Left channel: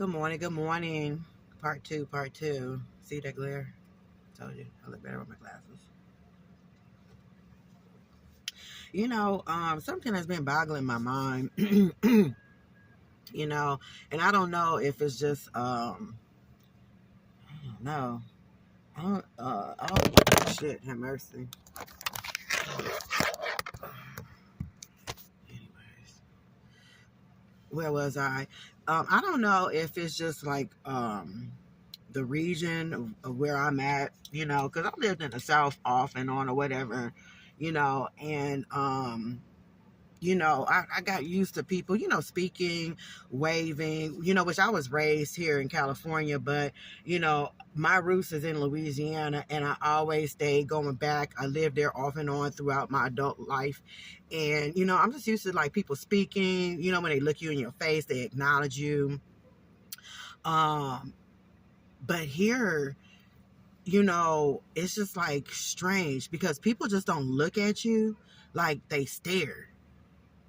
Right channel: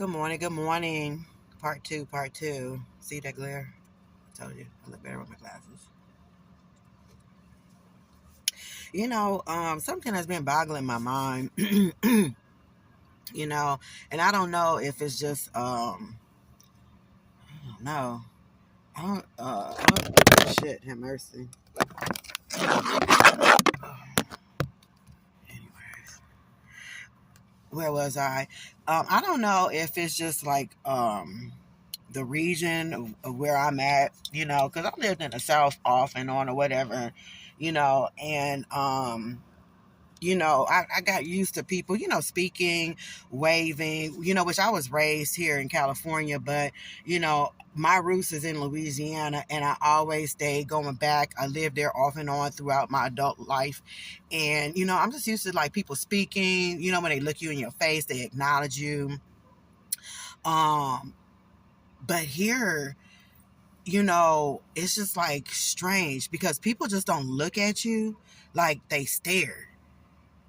Good morning, good morning. Part two, part two. See that glare? I told you, I look better with my glasses. Something has been boggling my mind, you know, and I don't know if it's just, I don't know. Shit, have mercy. Anyways, where was I? I don't know if it's just like, the region of where I'm at, because I lived in the South off and on or whatever, and I got used to people, speaking, waving, which I was raised here in California, but, my roots is in Louisiana and I always stayed going back. I lived there off and on throughout my adult life. And, I'm just used to like people speaking, when they look you in your face, they acknowledge you. Um, but here, it's just like strange because people just don't look at you, like they stare.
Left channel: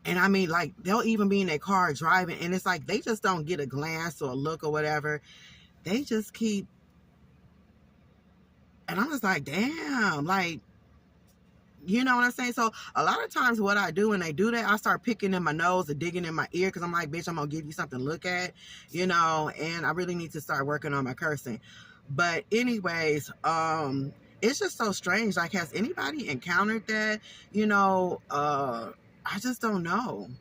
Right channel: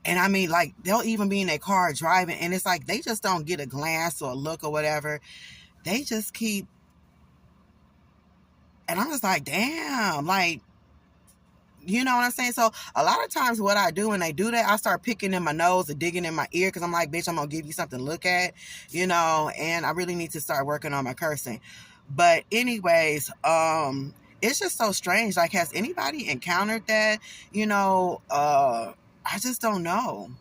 And I mean, like, they'll even be in their car driving, and it's like they just don't get a glance or a look or whatever. They just keep, and I'm just like, damn, like, you know what I'm saying? So a lot of times what I do when they do that, I start picking in my nose or digging in my ear because I'm like, bitch, I'm going to give you something to look at, and I really need to start working on my cursing. But anyways, it's just so strange. Like, has anybody encountered that? I just don't know.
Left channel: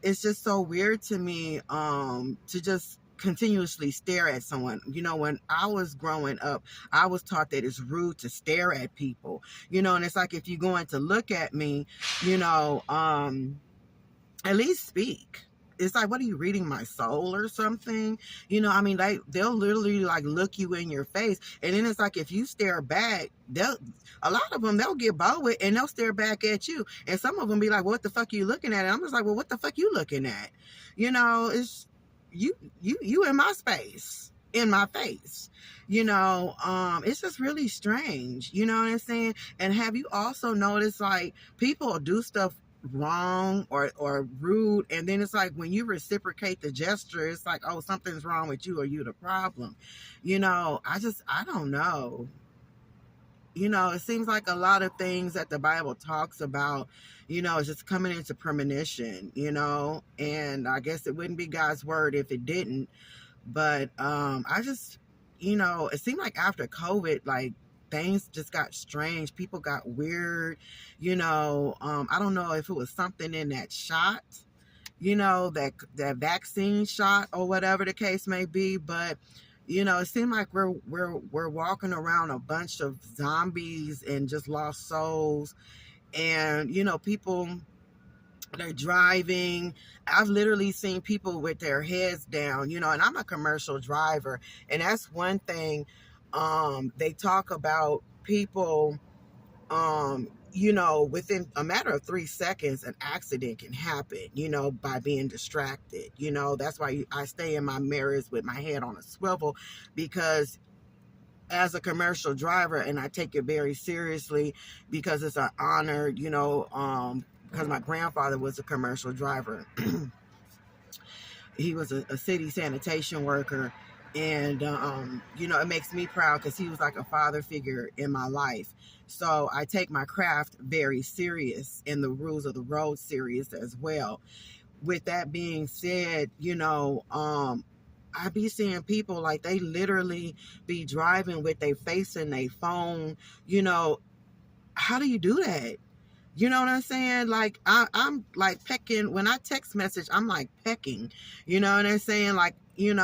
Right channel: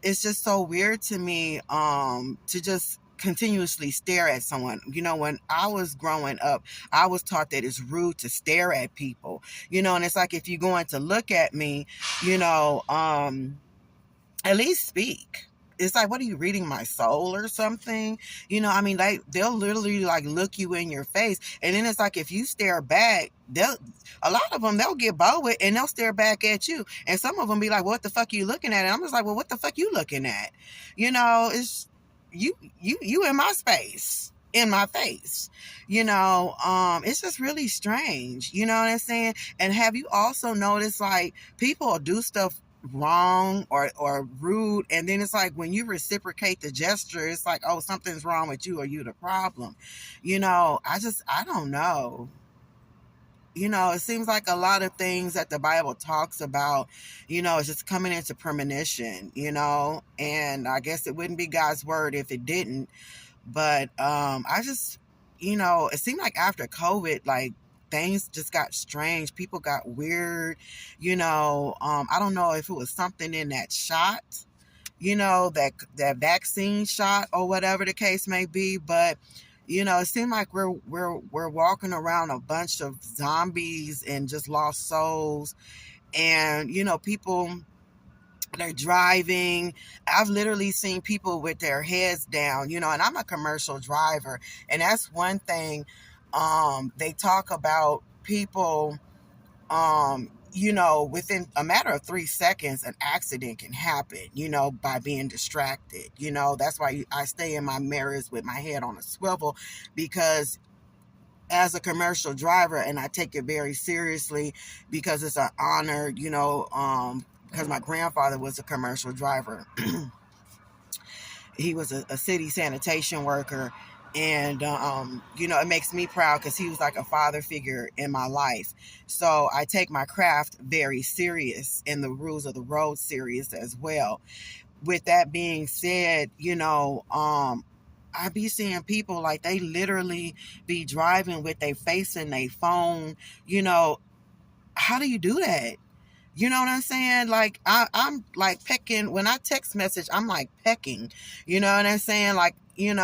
It's just so weird to me to just continuously stare at someone. When I was growing up, I was taught that it's rude to stare at people, and it's like if you're going to look at me, you know at least speak. It's like, what are you, reading my soul or something? I mean, like, they'll literally like look you in your face, and then it's like if you stare back, a lot of them, they'll get bold and they'll stare back at you, and some of them be like, what the fuck are you looking at? And I'm just like, well, what the fuck you looking at? It's you in my space, in my face. It's just really strange. You know what I'm saying? And have you also noticed, like, people do stuff wrong or rude, and then it's like when you reciprocate the gesture, it's like, oh, something's wrong with you, or you the problem. I don't know. It seems like a lot of things that the Bible talks about, is just coming into premonition, and I guess it wouldn't be God's word if it didn't. But I just, it seemed like after COVID, like, things just got strange. People got weird. I don't know if it was something in that shot, that vaccine shot or whatever the case may be, but it seemed like we're walking around a bunch of zombies and just lost souls. And people, they're driving. I've literally seen people with their heads down, and I'm a commercial driver. And that's one thing. They talk about people, within a matter of 3 seconds, an accident can happen, by being distracted. That's why I stay in my mirrors with my head on a swivel, because as a commercial driver, and I take it very seriously because it's an honor, because my grandfather was a commercial driver. He was a city sanitation worker. And, it makes me proud because he was like a father figure in my life. So I take my craft very serious, and the rules of the road serious as well. With that being said, I be seeing people like they literally be driving with their face in their phone. How do you do that? You know what I'm saying? Like, I'm like pecking. When I text message, I'm like pecking. You know what I'm saying? Like, when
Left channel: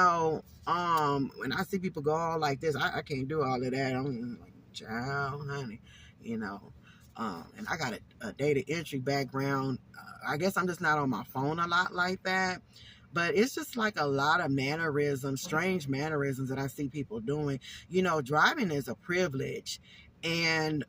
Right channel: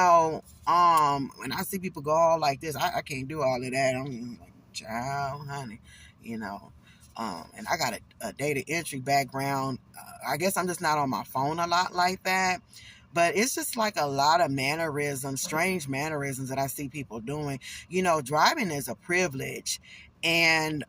I see people go all like this, I can't do all of that. I'm like, child, honey, you know. And I got a data entry background. I guess I'm just not on my phone a lot like that. But it's just like a lot of mannerisms, strange mannerisms that I see people doing. Driving is a privilege. And,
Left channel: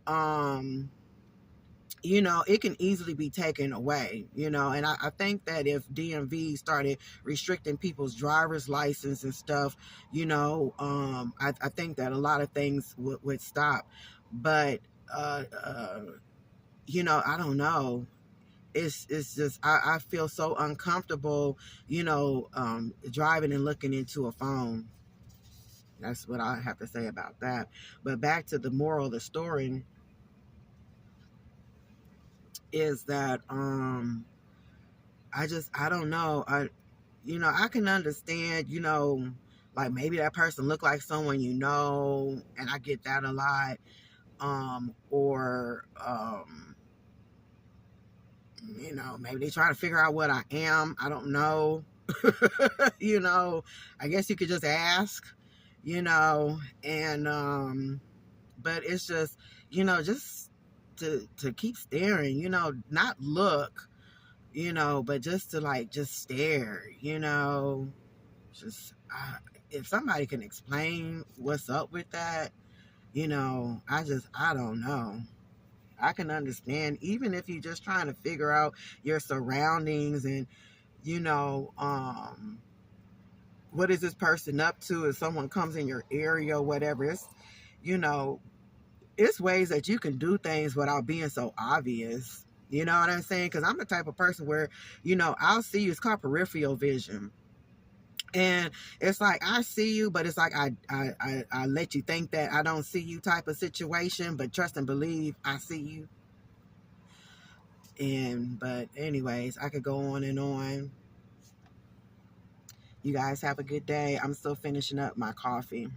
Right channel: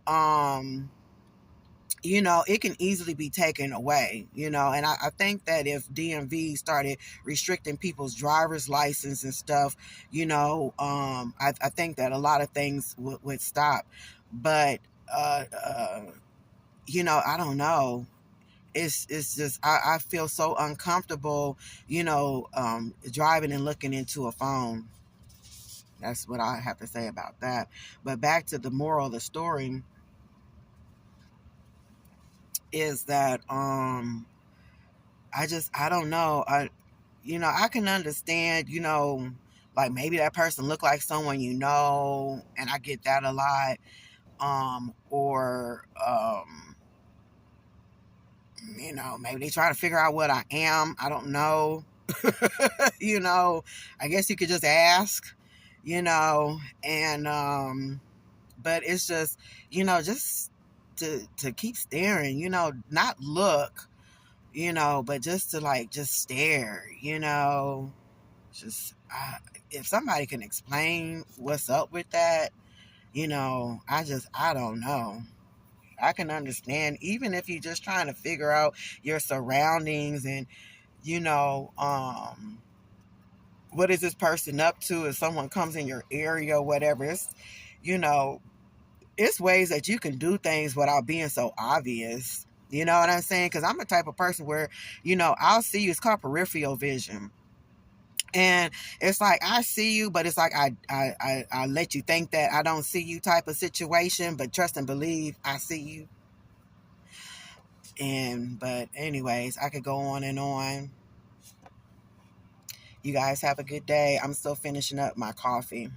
it can easily be taken away, and I think that if DMV started restricting people's driver's license and stuff, I think that a lot of things would stop. But, I don't know. it's just I feel so uncomfortable, driving and looking into a phone. That's what I have to say about that. But back to the moral of the story is that I don't know. I can understand, like maybe that person look like someone and I get that a lot. Or maybe they try to figure out what I am. I don't know. you know, I guess you could just ask, and but it's just to keep staring, not look, but just to like just stare, just if somebody can explain what's up with that, I don't know. I can understand, even if you're just trying to figure out your surroundings and, you know, um, what is this person up to if someone comes in your area or whatever. You know, it's ways that you can do things without being so obvious. You know what I'm saying? Because I'm the type of person where, I'll see you. It's called peripheral vision. And it's like I see you, but it's like I let you think that I don't see you type of situation, but trust and believe I see you. But anyways, I could go on and on. You guys have a good day. I'm still finishing up my coffee.